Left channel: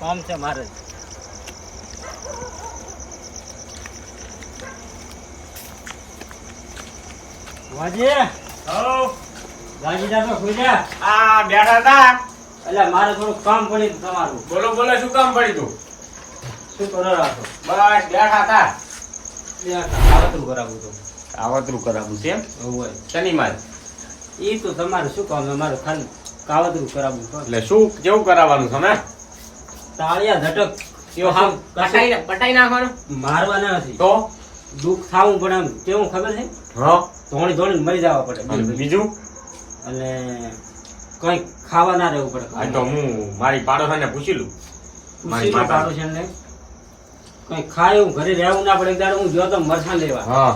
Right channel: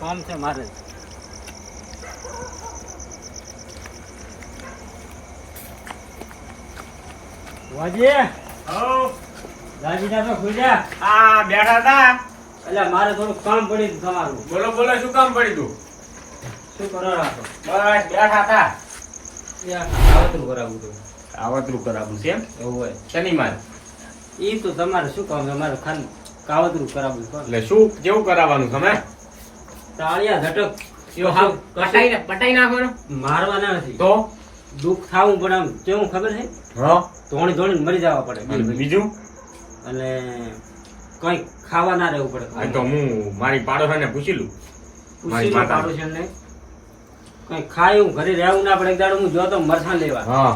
કામ છે મારે. વાજી રાજીના પર સુઈ આ બેઠા હતા. એટલે મારે થોડું કામ હતું તમારું. બોલો બોલો શું કામ પડ્યું તું? શું કરો રાખો બસ બેઠા હતા. આવતરું કરાવવું હતું કાવતરું કરાવવું છે એમ? હોય. શનિ મારે? એ તો તમારે શું કામ છે? મારે ખાલી કાવતરું કરાવવું એટલે શું કેવું કરાવવાનું તમે તાળિયા ઝટક. યો હાવ પટાઈ પટાઈ નાખવાનું? મારવાના નથી. તો? દુઃખ થાવું પણ આમ કેવું ખબર છે? ધોણી ધોણી મરી જવા પડે. બીજું? અને કઈ ખાવા ના રહેવું પડે. તો હું મારી પાડોશાને પૂછી લઉં. પૂછી લો માતા. કઈ ખાય એવું ઘરે રહેવું ના પડે. દાડો હું જો મરસાં લેવા. હા.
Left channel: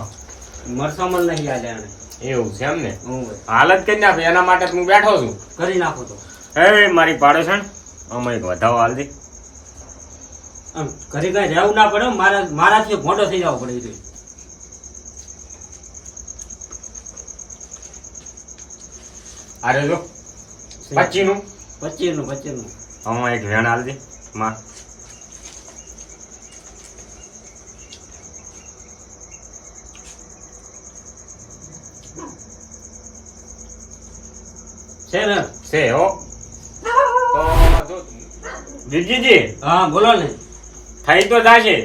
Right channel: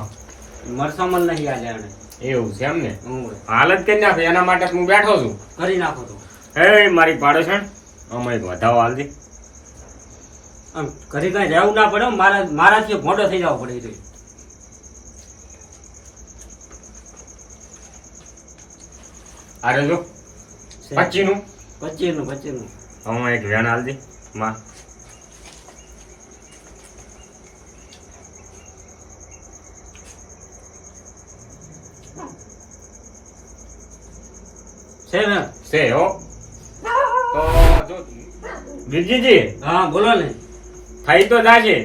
મરસામલ નહીં આ જાણે એવું છે એમ ને. હાલત કરી નાખ. એના માટે હું બેઠો છું. કરી નાખો તો. હે મારી પાડોશણ અમે એક વધાવો હાલ દે. આમ ઘરે કઈ રહેવું ના પડે મારા મારાથી મોટો થઈ જવો પડે એ રહ્યો. જો પચી નું પચીસનું પચીસનું હવે એક વેણ હાલ દી માં છે ને છે હો. તો જો વીરજીજી હા બોલો ને. થઈ તો જાશે.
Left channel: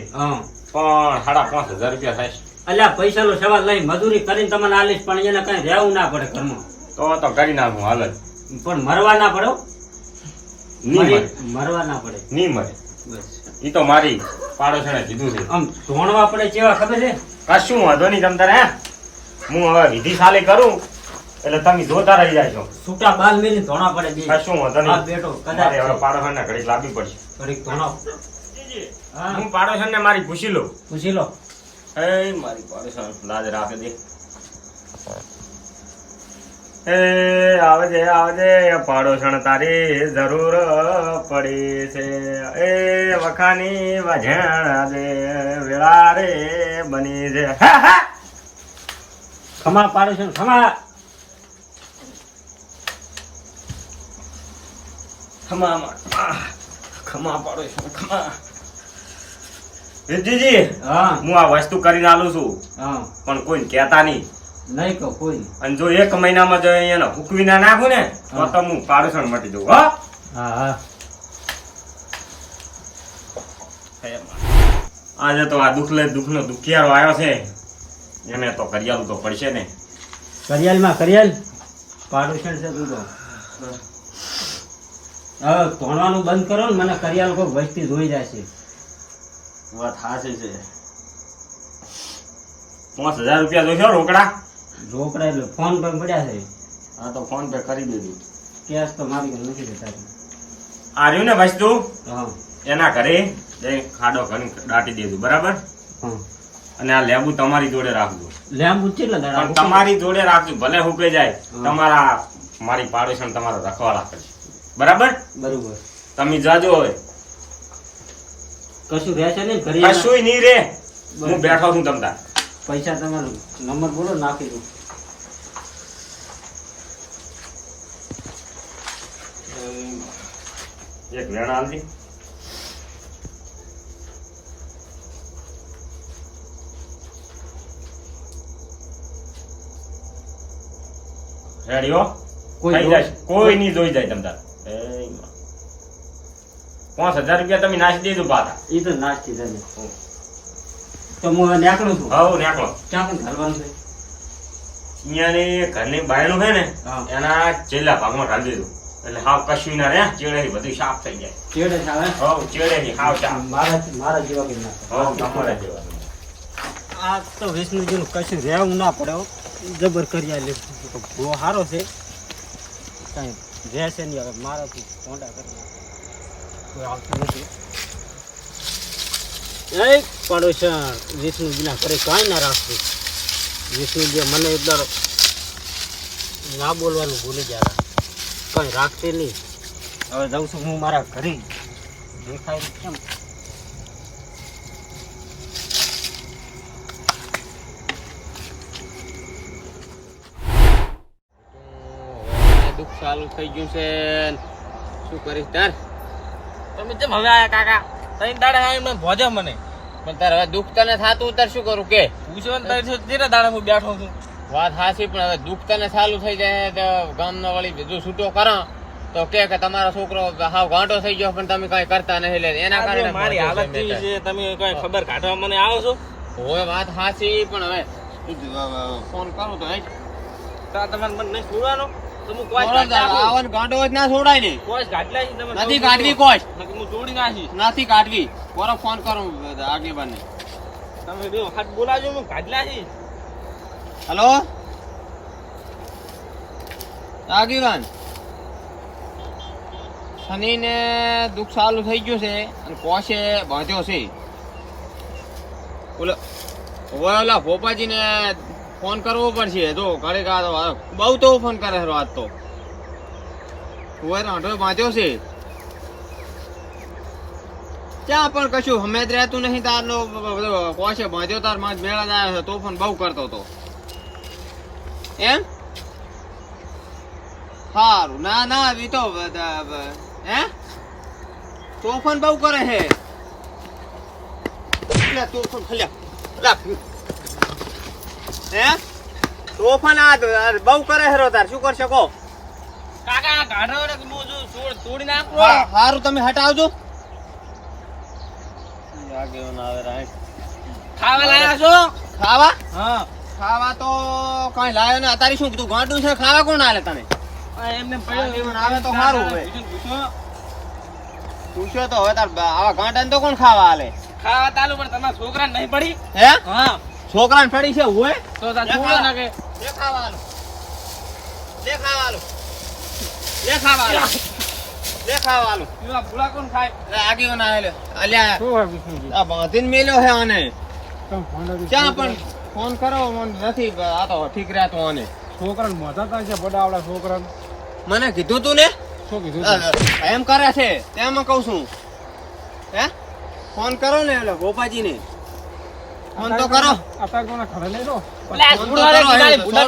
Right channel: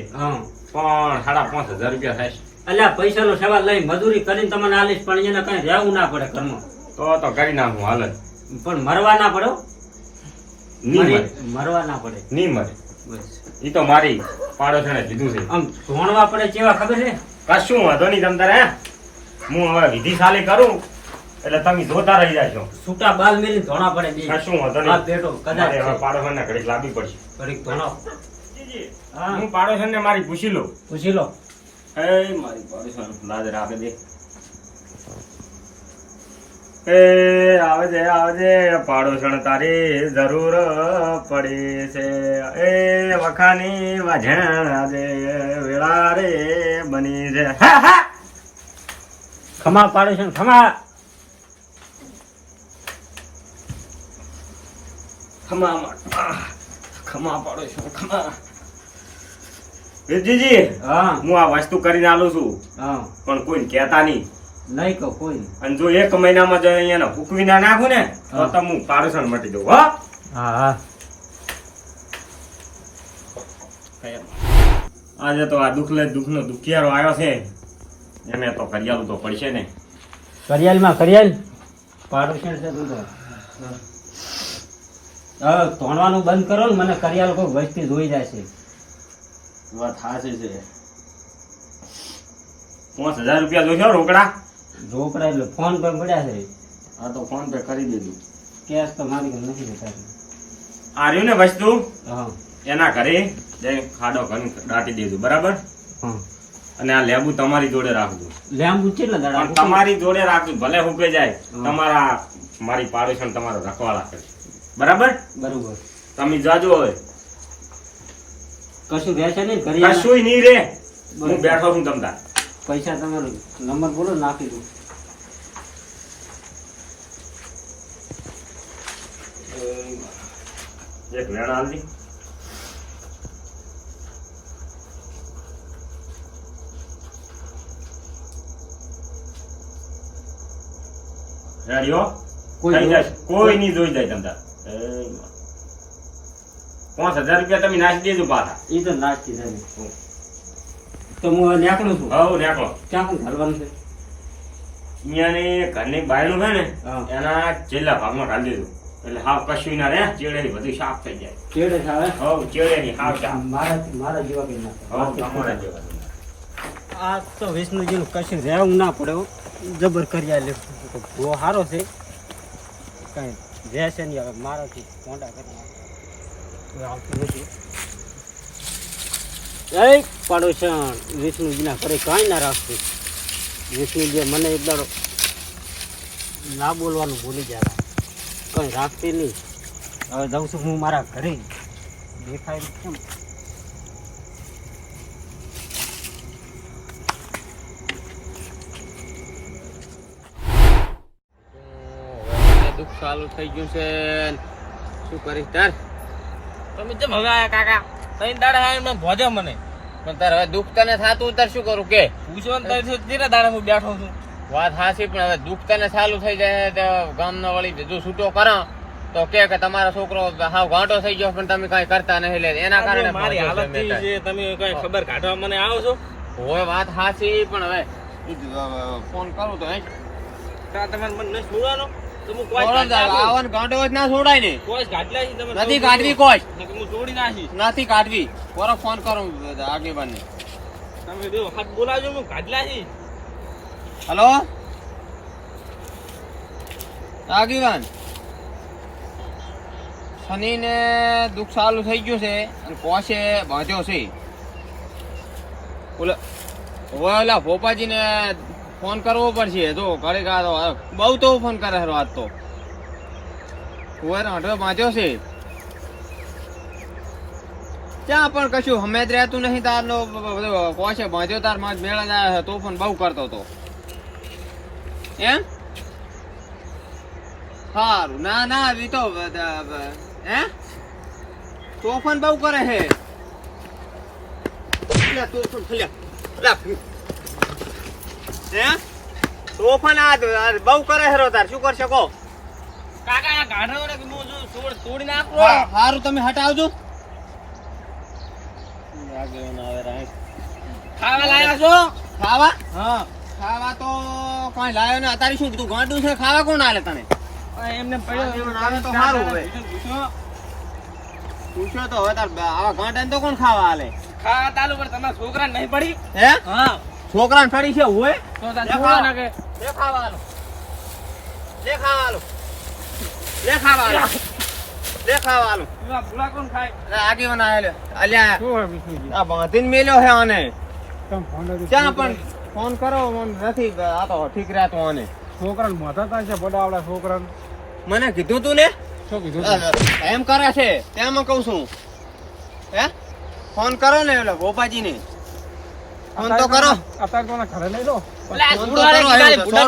પણ સાડા પાંચ હજાર રૂપિયા થાય એટલે અલ્યા પૈસા નો સવાલ લઈ મજૂરી કરીને તમને આલીશ પણ એને કઈ રહેવું ના પડે ઘરમાં. તો તો કરી નાખું હાલ જ. પણ મરવા ના પડો મરવા ના પડે. નહીં મરે. બસ. ઈ તો મારી પાડોશણે કીધું છે. આમ ધોણવા પડે કેવા ખબર છે? કશું વાંધો નહીં તમ તારે હે? હવે વિધિ સાલી કરું એટલે તમે જોતા રહી જાજો. છૂટા બાલ મેલી ધોણા પડે શું કશું વાંધો નહીં. બેઠો કદાચ છે. પાડોશણને ઘડીક લાવવી પડશે. ઘડી ધોણો. હા. પાડોશન ને મારી પૂછી લો પૂછી લો. એ મારી પાડોશન લાજ રાખે દે એ આવે છે આવે છે. પાડોશણ તારી જરૂર પડી છે. એ વખાની વજણ આજે વેળા રે બની છે. ખમા પાડોશણ ખમા. ખમા ખમા પાડોશણ ખમા. વિરજીજી હા. હું આ વસ્તુ કરીને આલું છું. હા. પણ કોઈ કહેતા નહીં. નહીં કહો કોઈ. અને જો એક મહિનામાં જો અહીંયા હુકવી ના નાખું ને તો. તો હું પાડોશણ મટી દઉં હો. હા હા. આજે તો આ દુઃખ લે દુઃખ નો દુખિયારો આવ્યો છે. એને તો કરિયાલું તો પડશે ને. કરિયાલમાં કરિયાલ પાડોશન છે તું તો. તોણવાનું બંધ કરો ને મને કરિયાલ કોઈ વસ્તી ધોઈ જાય છે. વાત હાસી છે. પાંચ હજાર રૂપિયા જોશો રોકડા? રોકડા એટલે ફોન પે પડ્યા છે. હા તો ફોન પે કરી દીધું કેશ તો મારી ઘરે નથી જતા. આ રહ્યું ને વસ્તુ? હા. એના ઘરે ખાડો ઘણી દાટી દેજો બરાબર? હા. અને આ લેબુ તમારી જોડે રાખજો. લેબુ કેટલા દાડા તમારી જોડે રાખજો ભલે હુકાઈ જાય તમારા મારી પાડોશણ તમારા રખવાળા કરી બરાબર? બરોબર. તમે જાજો હવે. કશું રહેશે નહીં? ઘરે કશું નહીં રે હું બેઠો છું તમતા. પૈસા તમે નંબર બોલો નાખી દઉં. એક વેણ આલજી. રેડી હો. કોઈ નહીં જોઈ જાય તમતા. પાંચ હજાર રૂપિયા તમે નાખી દીધું પાછા. એ તો નાખી દે તો હું નીકળું છું? હા નાખો ક્યાં પણ હાલવાનું છે? અહીંયાની ઘરની બાયણું છે ને એના છેલ્લા ભાગમાં ઢાલી દીધું. એટલે હાવ કશું ના રે ચેડે ની બધું સાફ થઈ જાય. ચેડે સાવે? હવે ચેડે ની હાવ સાફ. મારા મારા જેવા કે ના. હવ તમારા જેવા. આ તો વિષ્ણુજીનું કશું રહેવું ના પડે. જબર કરી આલે. ભૂવો સારો છે. કાંઈ રહેશે નહીં હવે મારાથી પોંડા કરી નાખે. આવતું નથી એ પડોશન વિષ્ણુજીના ઘરે કાંઈ ના રાખતું વિષ્ણુજી મને એક દાડો ના બોલવાનું ભૂલી ગયા. કંઈ રાખતી નહીં. હવે જાઉં છું હું મારા ઘરે. દેખાય કેમ? દુઃખ ચાલુ થઈ ગયું છે. શું કરીશ તાર? તમે કેમ હવે આયા કાકા? તઈ દાડે આવીને મને ભોજો મને. પણ તારે હવે દુઃખ તને થાતું તાર શું કરું? કે? પૂછો ને શું તેરા દાડે હું બેઠો છું? વાત હાસી પણ હવે દુઃખ તને ચાલુ થઈ જાય તો ગામનો વળી બીજું છૂટો કરો. તો કે કે તમારો છોકરો હાવ ઘાંટો થઈ ગયો પણ તમે કઈ કરતા નહીં લે. એના કારણે મારી હાલત કેવી છે તમે કઈ ખબર કાઢવા મને આવો છો? હોય વાત હાસી પણ હવે ફોન કરું તો તમારે મને નથી આવન ગાંડો ના છોડાય ને. નથી કાઢવી હું નથી કાઢવી. ફોન કરું તમે જો હાથ બોલાવજો હું ગાડલા છે હલો? આગેવાન. શનિ ને દુઃખ ચાલુ થઈ ગયું છે અને કોશે બાંધ્યો છે. ઓલા ઓલા ભોપાજી ને ફોન કરવો પડશે. જો, ઘરે તો બહુ તો ફોન કરે છે વાત તો. હવે રાંઢો વાંચ્યો છે. ત્યાં પણ કશું હમે જ રહેતું નહીં તારનો કોશે બાંધ્યો તારમાં મેળા જાય છે તોફાન બહુ કરતો તો એમ? સારું ના ના એ તો હે? તોફાન બહુ કરે તો તોફાન ફલ્યા હે? તોફાન આ બહુ કરે હેરો તાર શું કરશે કો કાકા આ ગાઢો ને હું જો છોડ તોડી નાખો? હારું તમે હટાવજો. આગેવાન આવે રાઈટ ખાવા લાયા છો? ખાવા? હા. ખાવા તો કઈ લાયો ને અતારી શું કીધું ગાંડું છે ખાવા કોણ આલે તને? એમને પડ્યો આવે તો સારું હવે. પૂછ્યો તો હવે તાર આવા ગાંડા તો કોણ ખાવા આલે? ખાવા તાલુ પણ તમારા છોકરા નહીં પડી? હે? હા. છોકરાને ફેડી છે હોય તો છોકરા. નાખે. લે ખાવા આલો લે ખાવા આલો લે ખાવા આલો લે ખાવા આલો એવા ભૂલા કોણ ખાય અરે આગેવાન આયેલો અલ્યા આ બાંધીને મેલ્યો છે આને. ક્યાં પણ ફોન કરો મને નથી આ તો ઠીક રહેતો આને. છોકરાને મોઢા છે બડાવડા છોકરાને. મને કીધું તું ને? શું કીધું એમ કરે છે તેમાં કહું છું. હે? ફોન કરો ને એટલે ગોપાજી ને ફોન તો કરો. અત્યારે તો ઘરે લઈ લો. લા, ફોન તો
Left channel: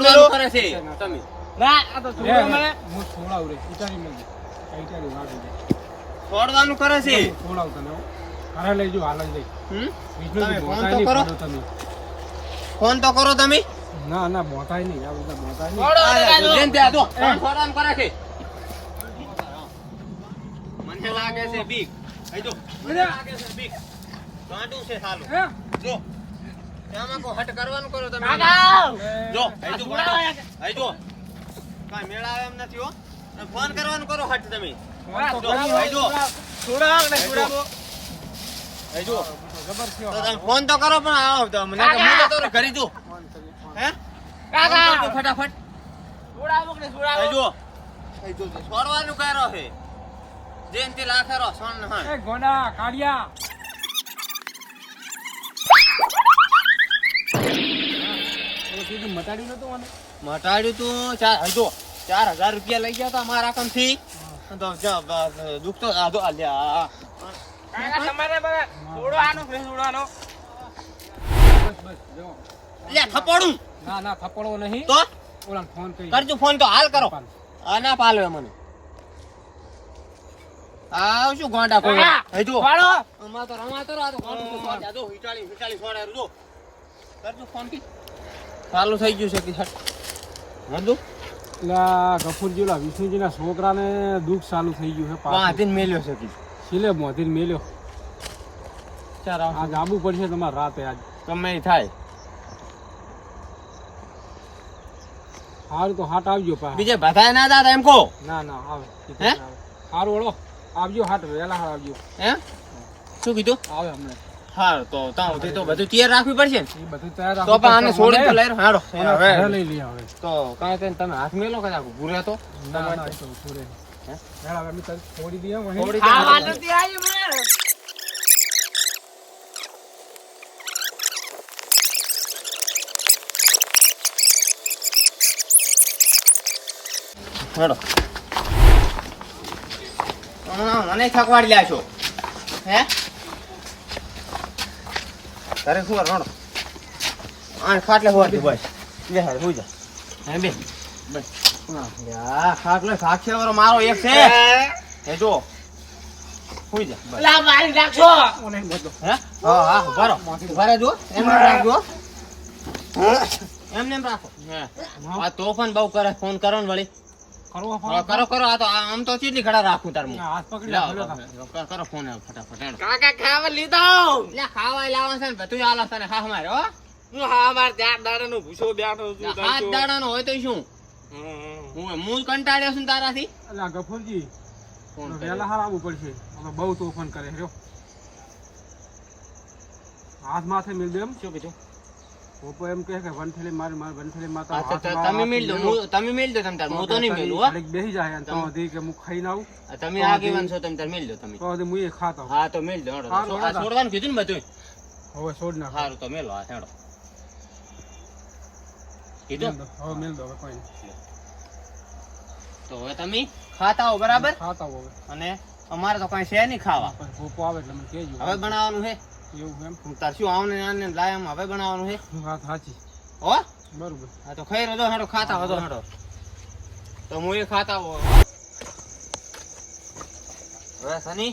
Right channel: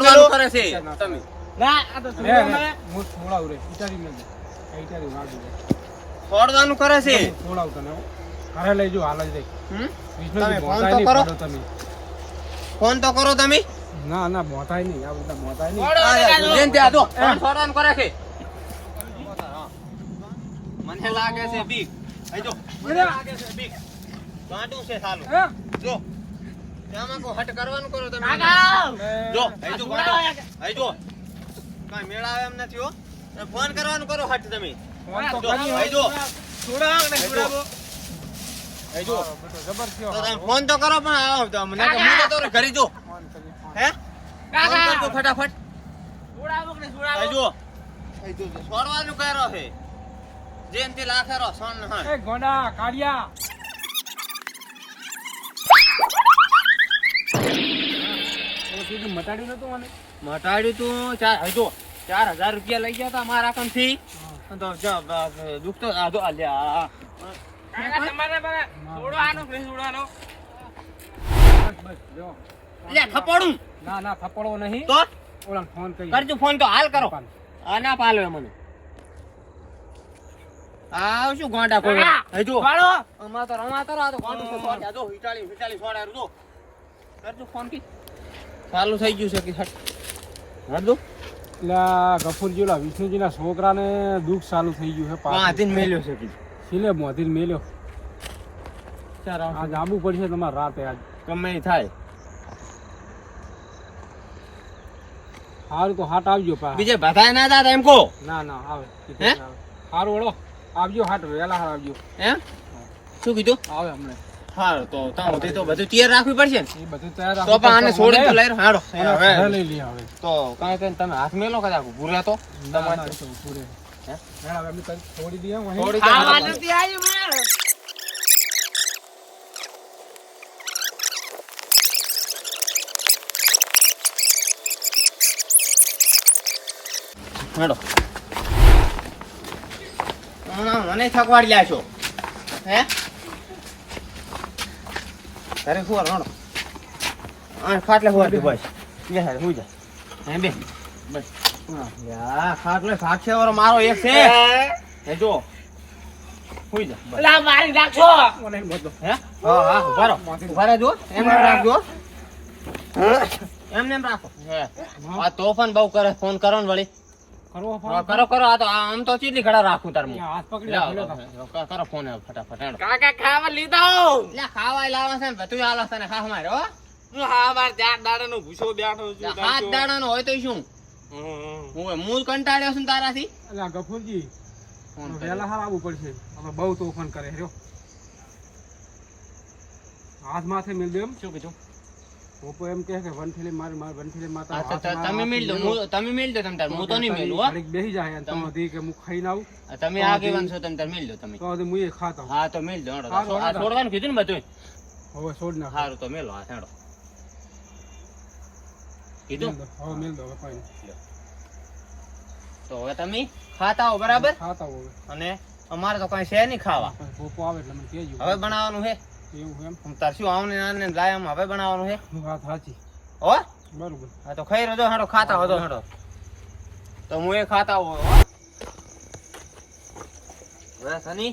કરો ફોન કરે. છે. તમે. ના આ તો હું છોડાવ રે વિચારી મેં દે વિચારી વાળ દીધા છોડવાનું કરે છે. છોડાવ તને ઘરે લઈ જો હાલ જ લઈ. તમે ફોન તો નહીં કરો. તમે. ફોન તો કરો તમે. ના ના બોતાય નહીં આ બધા બોતાય નહીં. જેને ત્યાં જો, ફોન કરે છે. મને લાગે છે બીક. આઈ જો. મને લાગે છે બીક. ગાંડું છે સાલું. હે? જો. હટ કરવાનું કરો તમે જો અહીં જો છોકરા ગાંડો. આયા છે. અહીં જો. કાંઈ મેળ આવે એમ નથી હો. ફોન કરવાનું કરો હટ તમે. ફોન તો અહીં જો. છોડા ને છોડા. ફોન કરો પણ આવો તો મને કે હું તો ઘરે જો. હે? ફોન કરજો ફટાફટ. છોડાવો કે નહીં છોડાવો? અહીં જો. અહીં જો. છોડવાનું જેનથી લાખેરો સોન ગોડા કાળિયા. ઓલું મટાડ્યું નતું મને મટાડ્યું તું ચાર હજો ચાર હજાર રૂપિયા લઈ ગયા તા મારા અકાઉન્ટથી દુઃખ તો આ જો આ લે, આ. કાકા, તમારે મને છોડવાનું કે નહીં છોડવાનું? બસ બસ જો. લે થપાડું ના ના થપડવો નહીં. તો? ઓલા ફોન કરી. કરજો ફોન તો હાલ કરો. આ ના પાલવે મને. આ શું ગોંડા કોઈ? હજો છોડો. અમાર તો રમા કરો આ તો ગોંડું તો આ હિટાળી હિટાળી છોડાયું જો. કરજો ફોન કી. ચાલુ થઈ ગયું છે કે હટ. એટલે ગફુરજી વિષ્ણુજીના છોકરાને દુઃખ ચાલુ થઈ ગયું છે પાછું. મેલ્યો છે છેલ્લે મોતીને મેલ્યો. આજ આબુ પડશે તમારે રાતે આજ. તમે થાય. સારું તો હાટ આવજો પા. બીજે બધાય ના દાદા એમ કહો. ના ના આવે. હે? સારું ઓળો. આવજો હાટ વહેલા હાર આવજો. એમ શું કીધું? આવે હમણે. હારું તો ત્યાં સુધી તો બધું તૈયાર રાખવી પડશે ને. એ બધું તૈયાર તો પણ આને છોડી તો લઈ હાડો એને હવે લઈ લઈએ હવે. તો કાંઈ કઈ તમે હાથ મેલો કદાચ ભૂરે તો? ના ના એ તો ઊભું હે? હેડ હવે અમે તને છોડી દઈએ વहीं. થોડી ખાવા તો- મને. હેડો. મને થકવાડી લ્યા છો. હે? તારે શું રણો આ ખાટલે હોવા દે. ભાઈ? બે હારે હોઈ જા. હે બે. બસ. હા યા ખાટલે સાક્ષી વાળો મારો એક છે. એ જો. હોઈ જા બસ. અલા મારી નાખશો હે? હા હા રહો. ઊભા એમને એમ રાખજો. એમને એમ રાખો. હે. આ તોફાન બહુ કરે ફોન કરો ને વળી. કરો કરો આ તો આમ તો ચીટલી ખડા રાખું તાર હું. હાથ પકડી કરો, ફોન ફટાફટ કાકા ખાવા લીધો? લે ખાવા લાવો છે ને બધું આલો તને ખા મારે હો. હું હા મારે ચાર દાડાનો ભૂસો બેઠો છું હાથ દાડાનો હોય તો શું? હું હું કંટાળ્યો છું તારાથી? અલા ગફુરજી ફોન વેલા હાર આવવું પડશે. હવે બહુ તોફાન કરે રહ્યો હાથ માથે મિલ દે એમ. શું કીધું? પોપો એમ કહે કે વનથેલી મારી મારી વનથેલી માતા તમે મિલ દો તમે મિલ દો તમ તાર. હું તો નહીં મિલું હો. બેહી જાય તો હજી કે હું ખાઈને આવું. આ તમે આગેવાન છો તમે તાર મિલ દો તમે. તો હું એ ખાતો હા તો મિલ દો આ છોડવાનું કીધું ને બધું હવે છોડ ના સારું તો મેલો આ હેડો. કીધું? હવે મિલ દો હવે કોઈ નહીં. તો હવે તમે ખાતા હો બરાબર? ખાતા હો હવે. અને અમારે તો કઈ છે નહીં ખાવા. પોપો આવે એટલે મને કહેજો. હવે બનાવવાનું છે? એવું એમ? હું તાર શું આવને આને લાય આમ હવે બનાવવાનું છે વાત સાચી. હો? બરોબર. હા તો ખાઈ રહ્યો હાડો ખાતા હો તો હેડો. તો હું એ ખાતા હો હવે સની?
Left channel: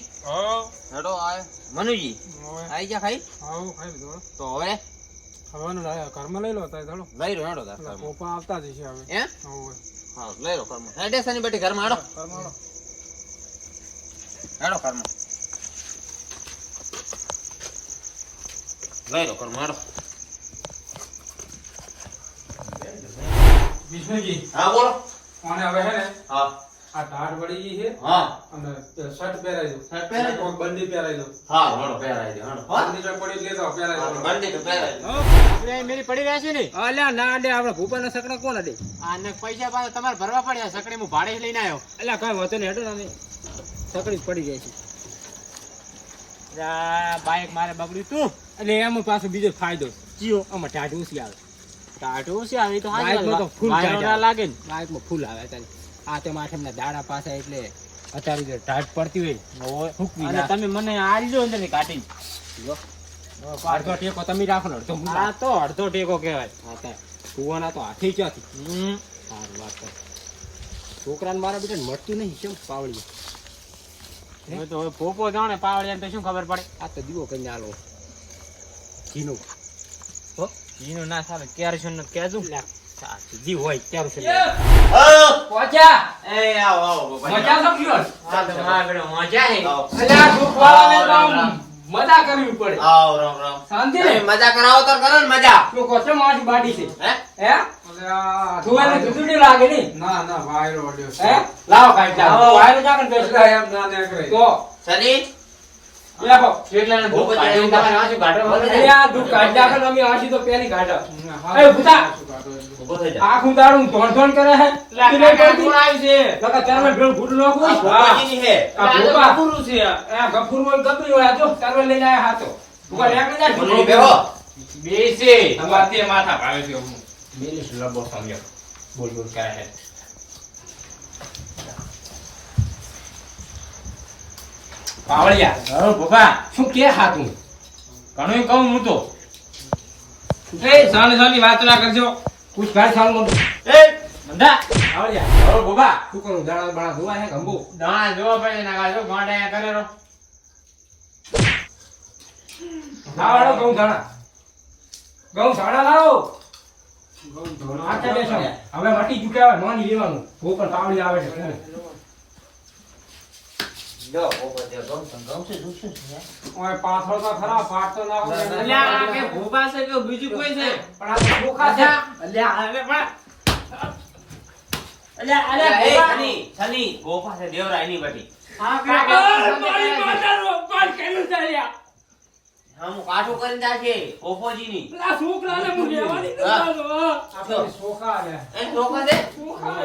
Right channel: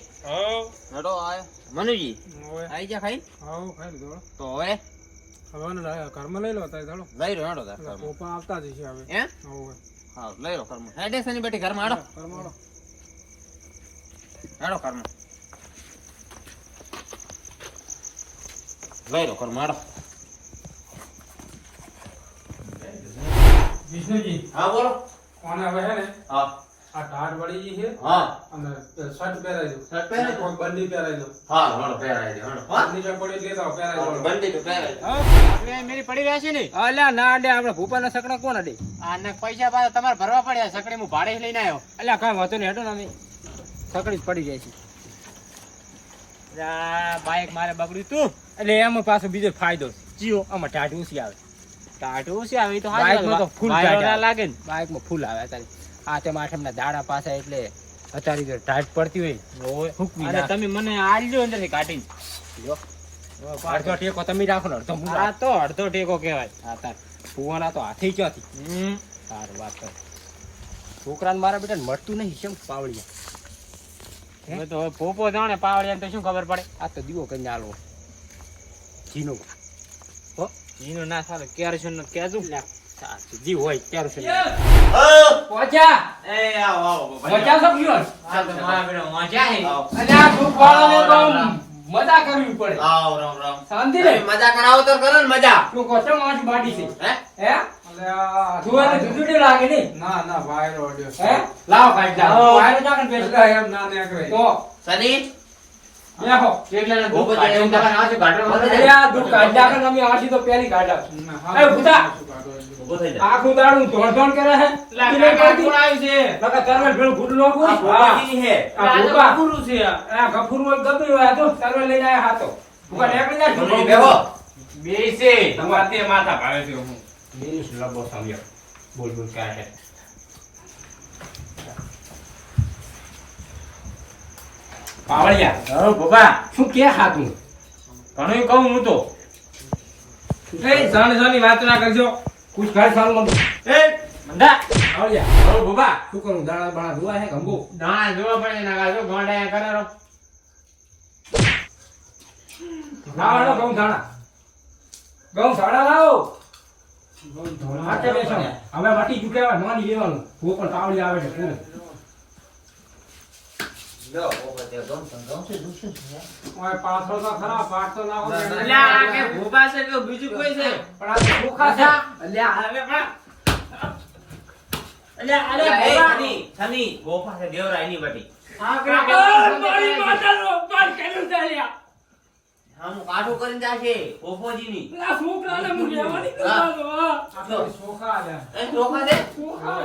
હેડો આય. મનુજી આઈ જા ખાઈ? આવું ખાઈ લીધું તો હવે? હવે લાય- ઘરમાં લઈ લો તારે ચાલો લઈ રહ્યો હાડો તાર પોપા આવતા જ છે હવે. હે હવે. હા લઈ લો ઘરમાં. હેડે સની બેટી ઘરમાં હેડો. આવો. હેડો ઘરમાં. લઈ ઘરમાં હેડો વિષ્ણુજી. હા બોલો. આને હવે હે ને? હા. આ ટાટ વળી છે હા. અને શર્ટ પહેરાઈ દો. શર્ટ પહેરાઈ દો. બંડી પહેરાઈ દો. હા હેડો પહેરાઈ દે હેડો હા. બંડી જો પડી લેતા પહેરાઈ દો. બંડી તો પહેરાઈ દે. આપણે મેરી પડી રહ્યા છે ને અલ્યા ના અડે આપણે ભૂપાના સકડા કોણ અડે? આને પૈસા પાછા તમારે ભરવા પડ્યા સકડી હું ભાડે લઈને આવ્યો. અલ્યા કઈ વાંધો નહીં હેડો ને સકડી જ પડી જાય છે. બાઈક મારે બગડ્યું તું. એટલે એમાં પાછો બીજો ફાયદો જીઓ આમાં ટાટ ઊંચી આવે. ટાટ છે આવે તો બાઈકમાં તો ફૂલ. લાગે ને. બાઇકમાં ફૂલ આવે અત્યારે. આ તેમ આઠમના દાડા પાસે એટલે અત્યારે જો ટાટ પડતી હોય. હુકવી અને તમે મને આલજો અંદર કાઢી કાઢીને અડધો ટેકો તમે રાખો અડધો આ તો અડધો ટેકો કહેવાય. હા તાર. ફુવાના તો હાથે ક્યાંથી? હમ. સારું વાત કર. છોકરાને મારા બેટા મળતું નહીં કેમ પાવડિયા હવે તો હવે પોપો જાણે પાવડિયા તો શું ખબર પડે? આ તો દીવો કઈ આલો. ઘીનો જીનું ના સારું કેરોસીનનું કેજું જી હોય ત્યારે છે પહોંચ્યા એ આવો આવો પહોંચ્યા સબ આ મારા બેડો વાંચ્યા હે. અલ્યા તું ખોળાને તો મજા કરવી પડે. આવ રામ રામ. શાંતિ રે? મજા કરાવો તો કરો ને મજા. તું કોસે માટી બાડી છે? હે? હે? તું એને લાગે ને ના ના વાયરો ઓડ્યો હે? લાવ ખાઈ જા લાવો. વાયરો જાકન બેસ એટલે એમ ના નીકળે તો? સની આખું દાડું ધોણ ધોણ કરે હે? છે? નકર તારે ભેળ ભૂરું નાખું આ હા ભૂપાજીની હે આ ભૂકા ગફુરું છે આ ગફુર હોય ગફુર હોય આ તો તારો લઈને આયા હાતો ભૂકા લેકડી જા ભૂલી બેહો બેસે તમારે તે માથા ભાવે છે હું મિનિશ લબો સમજો બોલ બોલ ક્યાં હે પાવળિયા. હરો બાબા શું કે હાતું ઘણું કહું હું તો. એ જાણી જાણી વાત ના કરજો. કુછ ઘર સાલ મત એ મંદા પાવળિયા. હરો બાબા શું કરું? દાણા બાણા ધોવા હે ગંબો દાણા ધોવા પડે ના કાજો ગોંડા કરે રો. લાવો. ઘઉં દાણા ગઉં દાણા લાવો. હવે મટી ચૂક્યા માની લેવાનું. તો પણ પાવળી આવે છે પૂરે. જો ઓપો તે ગમ ગમ છે દુસું ઓય પાછળ તો ખરા પાછળ તો નાખો અલ્યા આ કે ભૂપા છે કે બીજું કોઈ છે પણ આ તો છે અલ્યા હવે પણ અલ્યા અલ્યા ભૂપા છની ગોફા છે દેવરાયની બધી આ કે મારી માતાનો અપમાન કર્યું છે અલ્યા હા હું કરીને જાશે ઓપોજી ની પેલા છોકરાને હું લેવાની આપણે સોખા આલે એ રોકા દે છોકરા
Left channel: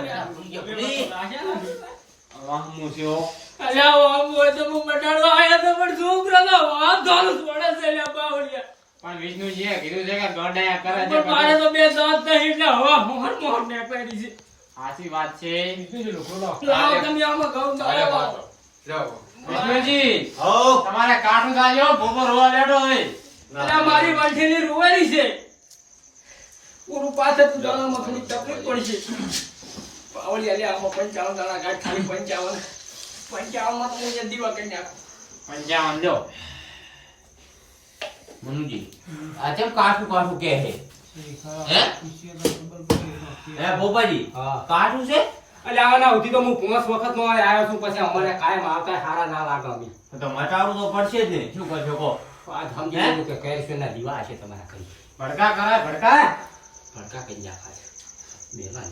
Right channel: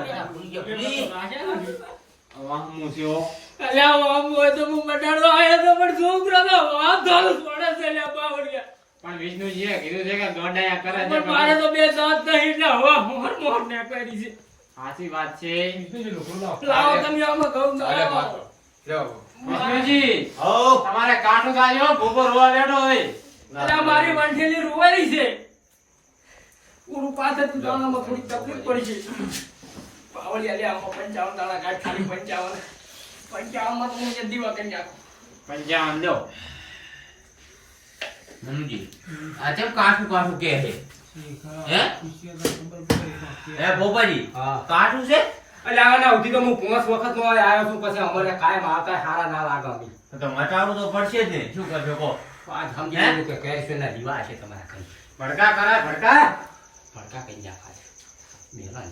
વાહમું છે ઓ અલ્યા આમ હોય તો હું મટાડવા આયા તો પણ છોકરાનો હાથ ધોળો છોડે છે અલ્યા બાવળિયા. પણ વિષ્ણુજીએ કીધું છે કે ગોંડા કરે છે પણ મારે તો બે દાંત નહીં એટલે હવા મોહર મોહર નીકળી છે. સાચી વાત છે. લાવો તમે આમાં ઘઉં દાળો. વિષ્ણુજી તમારે કાઠું ગાજો ભૂપો રોવા લેડો હોય અલ્યા મારી રૂવેલી છે. પૂરું પાછળ તું દાણામાં થોડી તકલીફ પડી છે. પાવળી અલ્યા આમાં પંચાવન દાણા ગાંઠ ખાલી પંચાવન. પંચાવનમાં તો હું એક દીવા નાખું. પંચાવન લ્યો. મનુજી આ કેમ કાઠું કાઠું કે છે? હે? હે કાઠું છે? એટલે આના સુધી તો હું પાંચ વખત નો આવ્યો છું પછી અમારે કાયમ આવતા સારા ના લાગે અમે તો તો મટાડવું તો પડશે જ ને. શું કરજો કહો? આ આજ સમજી કે લીધું કે કેરેક્ટરના દીવા છે તમારા કઈ ભડકા કરાય ભડકા. ભડકા કઈ જા ખાય બેલા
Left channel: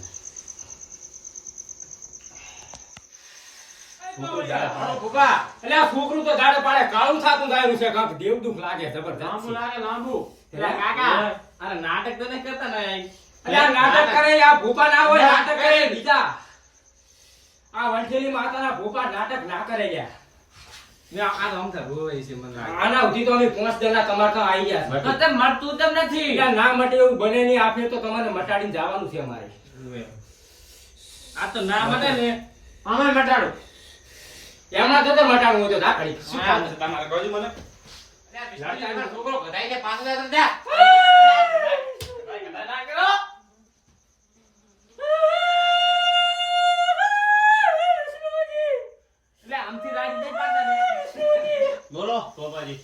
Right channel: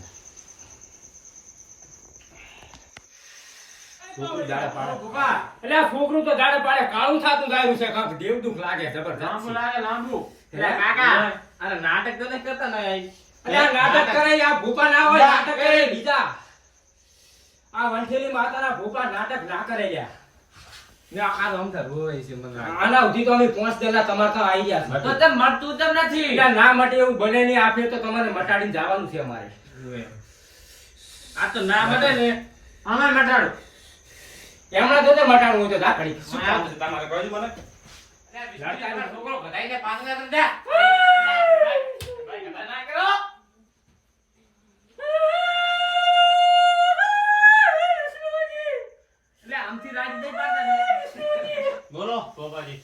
છોકરું દાડે પાડે. ભૂકા એટલે આ છોકરું તો દાડે પાડે. કાળું થાતું જાયું છે કાંક દેવ દુઃખ લાગે જબરદસ્ત લાંબુ લાગે લાંબુ. એટલે એટલે કાકા અરે નાટક તો નહીં કરતા ને એટલે નાટક કરે આ ભૂપા ના હોય નાટક કરે બીજા. આ વંઠેલી માતાના ભૂપા નાટક ના કરે લ્યા. ને આ રમતા રોય છે મને આના સુધી તો અમે પાંચ દેના તમારે તો આવી ગયા તો છે તેમ મળતું તેમ નથી. ના મટે એવું બને નહીં આપે તો તમારે મટાડીને જવાનું છે અમારે. આ તો ના મટે ને. અમે મટાડું. એમના તો તો મટાડવું હોય તો જા ખડી. શું કામ છે તમારે કહો મને છોકરો જા બોલો સોપાજી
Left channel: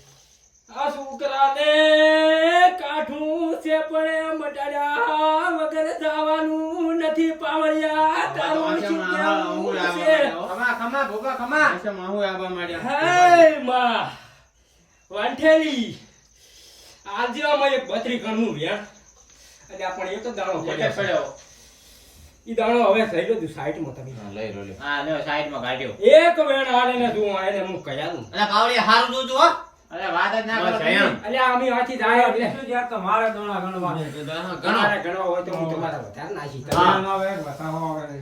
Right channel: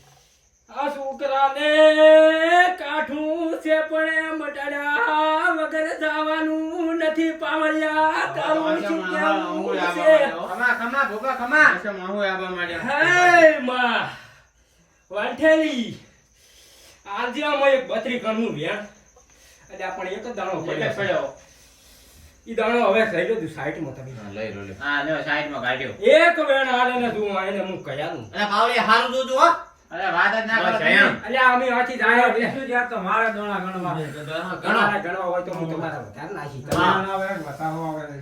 આ છોકરાને કાઠું છે પણ એ મટાડ્યા વગર જવાનું નથી પાવળિયા તારું શું કહેવું છે? ખમા ખમા ભોગા ખમા હે માં. વાંઠેલી. આજે એક બત્રી કણનું વ્યાણ એટલે આ એક દાણો પડ્યો છે. ઈ દાણો હવે થઈ ગયો તું સાઈડમાં તમે. લઈ લો હા લે સાઈડમાં કાઢ્યો. એક વેણ આલે ને તું એને હું કયા દઉં. અરે પાવડી હારું જોજો હો. અરે વાત જ ના કરો. તમે. અમે આથી જાય એટલે તમારે ગણો તમારે ગણવા. હોય તો હું તમારા વધારે નાખી હા.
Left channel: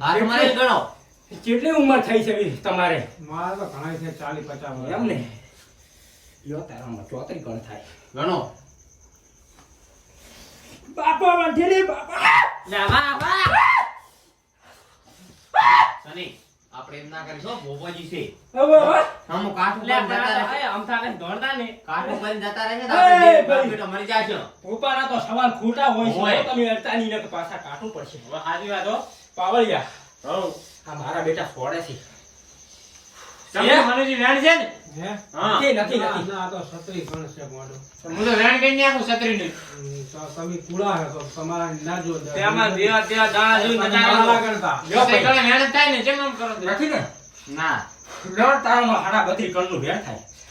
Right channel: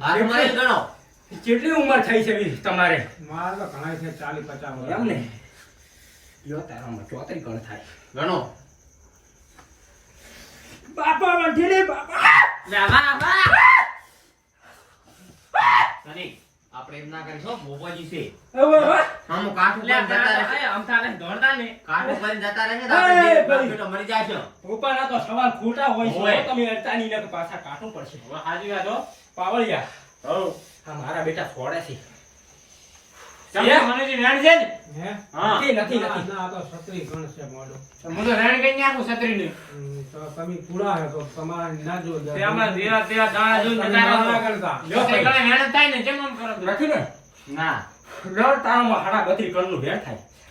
હાથમાં લઈ ગણો. કેટલી ઉંમર થઈ છે તમારે? ચાલીસ એમ ને યો તારામાં ચોતરી ગણ થાય. ગણો. બાપા વંઠેલી બાપા. લે વાહ વાહ. સની આપણે એમ ના કરીશું ભોપાજી છે. હમ કાઠ ઉપર જતા રહે. હમ જતા દોડતા ને કાઠ ઉપર જતા રહે તો. બેટો મરી જાશે. પોપાના તો સવાલ ખોટા હોય. છે તમે અડતા નહીં ને તો પાછા કાઠું પડશે. હવે સાચી વાત હો. પાવળિયા. આ મારા બેટા ફોડે છે. હા? હું.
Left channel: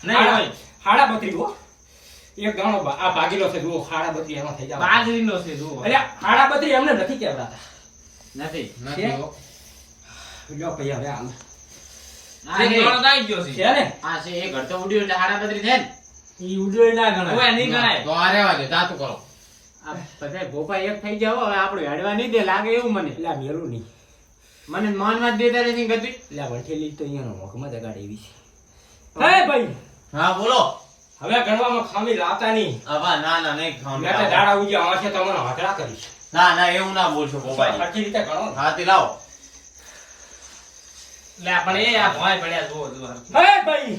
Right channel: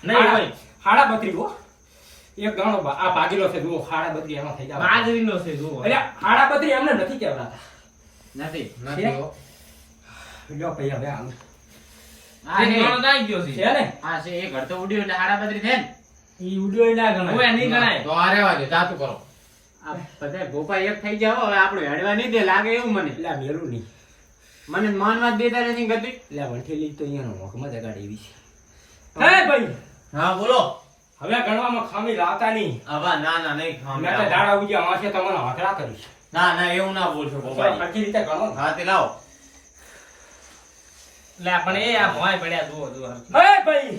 હે હાડા બત્રી હો. એક દાણો આ ભાગેલો છે જુઓ હાડા બત્રી એમાં થઈ જાય બાજરીનો છે જુઓ. હાડા બત્રી એમને નથી કહેવાતા. નથી છે? લ્યો ભાઈ હવે હાલ. આ એક દાણો ગયો છે. છે ને? આ છે એક ઘર તો ઉડ્યું એટલે હાડા બત્રી થાય ને. ઈ ઉડ્યોય ના ગણાય. ઓય, નહીં ગણાય. તો આ રહેવા દે તાતું કરો. આ બધાય ભોપા એક થઈ જાવ હવે આપણું હેડવા નહીં દે લાગે એવું મને. એટલે આ મેલું નહીં. મને માનવા જ દેતા નથી ગતિ એટલે આ વંઠેલી તો અહીંયાનો મોકમાં જગાડે એવી છે. હે ભાઈ. હા બોલો. હવે ગણવામાં ખામી લાવતા નહીં. આવા ના ના નહીં મેં તો દાડા ઉજી આવશે તમને હાકડા કરીશ ના ના એવું ના બોલશો ગોપાજી સરખી રીતે ગણો હા તે લાવો. લે પણ એ આ ભોંય પડ્યા જુઓ જુઓ. હે ભાઈ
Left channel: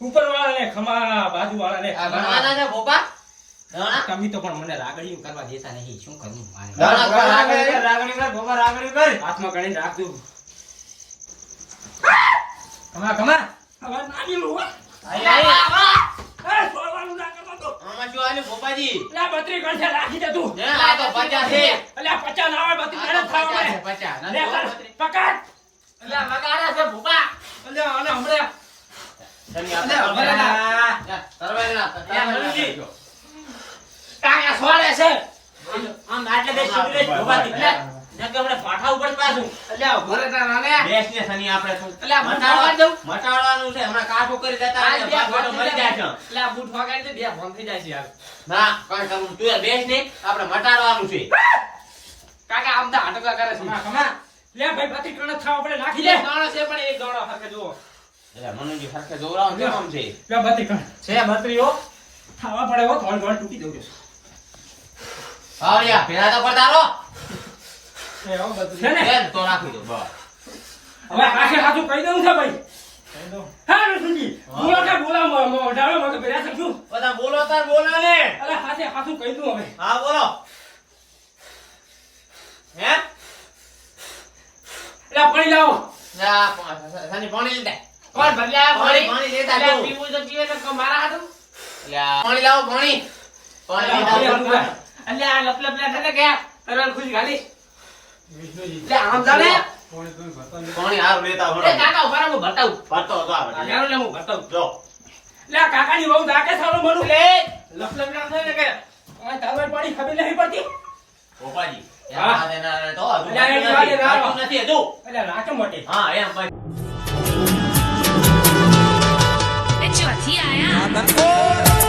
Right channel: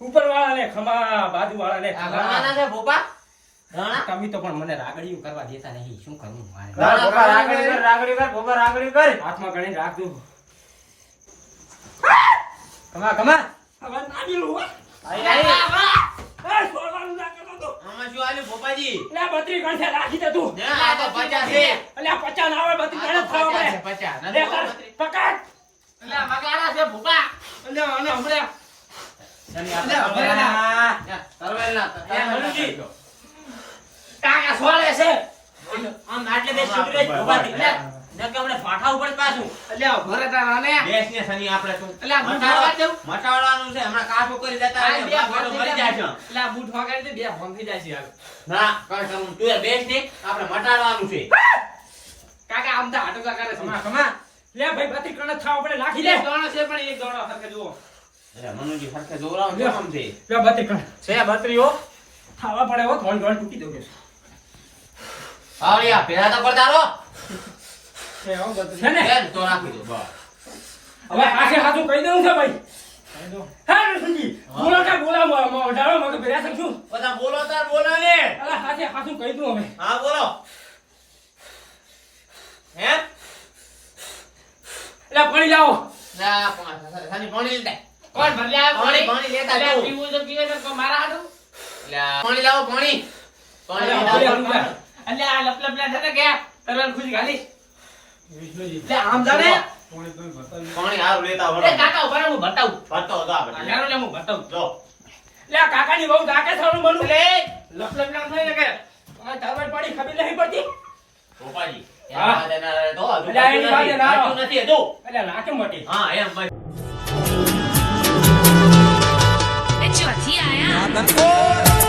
ઉપર વાળાને ખમા બાજુ વાળાને આ છે ભોપા? તમે તો પણ મને રાગડીયું કરવા દેતા નહીં શું કરું મારે ના, ના, ભોપા રાગડી રાગડી કર, ભોપા રાગડી કર. હાથમાં ગણીને રાખજો. કમા કમા હવે નાની લો આઈ, આઈ. એ, છોડવાનું ના કરતો તો. આમાં શું આલ્યું ભોપાજી? એટલે બત્રી ગણશે રાખી દે તું. આ તો પચાસ છે. એટલે આ પચાસ ના આવે બત્રી ગણે. લે, નથી કર, બત્રીસ. પકડ. મટાડવાનું છે. હમણાં કાઠું કરી દેતા બેટો દે બે ફોન જાય છે ના કઈ તું બેસ ને આપડે મટાડવાનું છે. કાકા આમ તો આટકા કરે છે. કમા કમા લે ભાઈ ગણે જ ખાવા પડે નાખી દે. દાણો છે પણ એક દાણો હરખે જુઓ. એટલે મનુજી સરખે જોરાવ જો આમ છે? લે બત્રી કણ છે બત્રીઓ ખાવા પડે હો થોડી ઘણી તૂટી દઉં છું. આવડિયા પેલા તો પડતારો છે હો બત્રી છે ને તો રાખી દો બસ. હવે આખે હાથું કહી દઉં છે ભાઈ. હા રસુજી બોલો કે બોલા મગ બધા બોલો તાર બોલો ને. હાથે હાથું કહી દઉં હવે. હા બોલો. હે? એટલે પાણી લાવો. ના પાણી લીધા કોણ બદલ્યા પાણી પાણી? લેતા અલ્યા, જાઓ. પીવું તો પીવે તો મારા હાથું? અલ્યા, પાણી લાવો પાણી. પાણી. અલ્યા, આ લપ લપ લે ને ગયા તરલ ખુશ ખાલી. વિષ્ણુજી, લે આમ જાણે. પાણી હારું લેતા વળો. કાકા ઊભા હું બતાવું ભરતો હતો આ. અગારો લે હું બતાવું જો. લે કાકાની બહુ દાકે સારું બનવું લે લપ લપ ને કે આ પાણી ખબર નહીં પડતી. ભોપાજી ચોથી આયા.